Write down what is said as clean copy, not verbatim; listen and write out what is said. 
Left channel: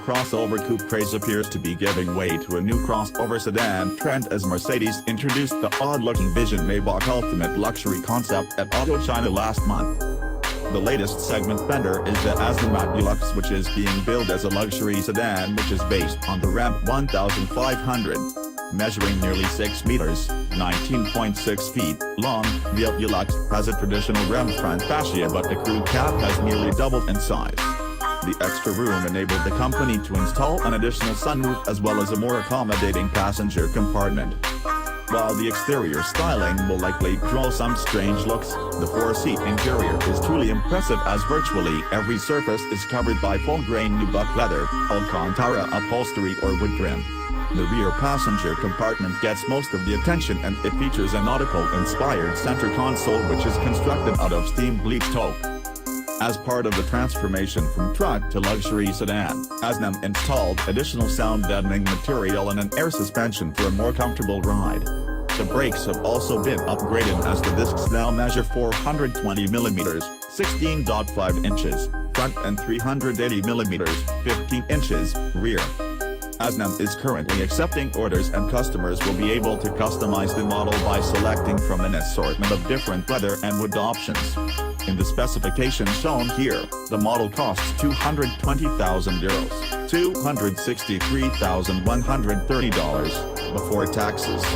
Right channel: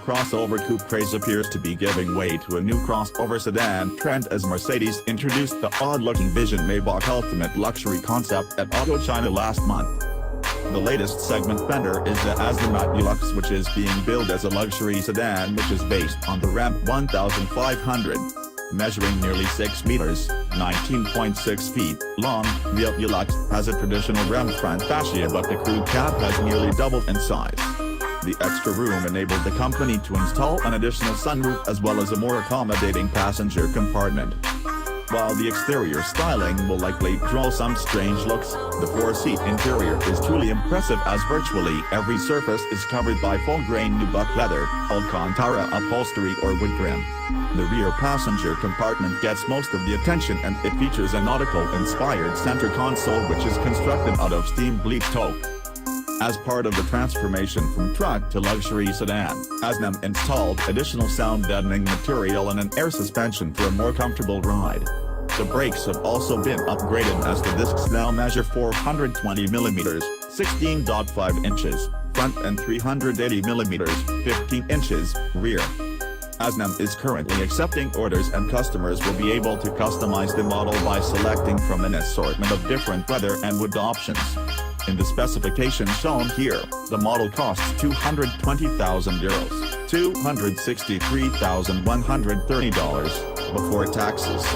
crossover coupe craze appears to be giving way to a new crossover sedan trend as Mercedes introduced the odd-looking Vision Maybach Ultimate luxury concept at Auto China last month. The latest segment fender is the Aznom Atulux, which is being billed as a luxury sedan which is based on the Ram 1500. Measuring nearly 6 meters, 19.6 feet, long, the Atulux has a traditional Ram front fascia, but the crew cab has nearly doubled in size. The extra room enabled the company to install an additional sunroof as well as a more accommodating passenger compartment. While the exterior styling will likely draw some strange looks, the 4-seat interior is truly impressive as virtually every surface is covered by full-grain nubuck leather, Alcantara upholstery or wood trim. The rear passenger compartment gets most of the attention, and it features a nautical-inspired center console which is constructed out of steam-bleached oak. As part of the transformation from truck to luxury sedan, Aznom installed additional sound-deadening material and an air suspension for a more comfortable ride. The brakes have also been upgraded as the discs now measure 420 mm, 16.5 inches, front and 380 mm, 15 inches, rear. Aznom is currently accepting orders, and customers will be able to customize the model by selecting from an assortment of different leather and wood options. In the specifications shown here, the model costs €220,000, $263,130, before taxes.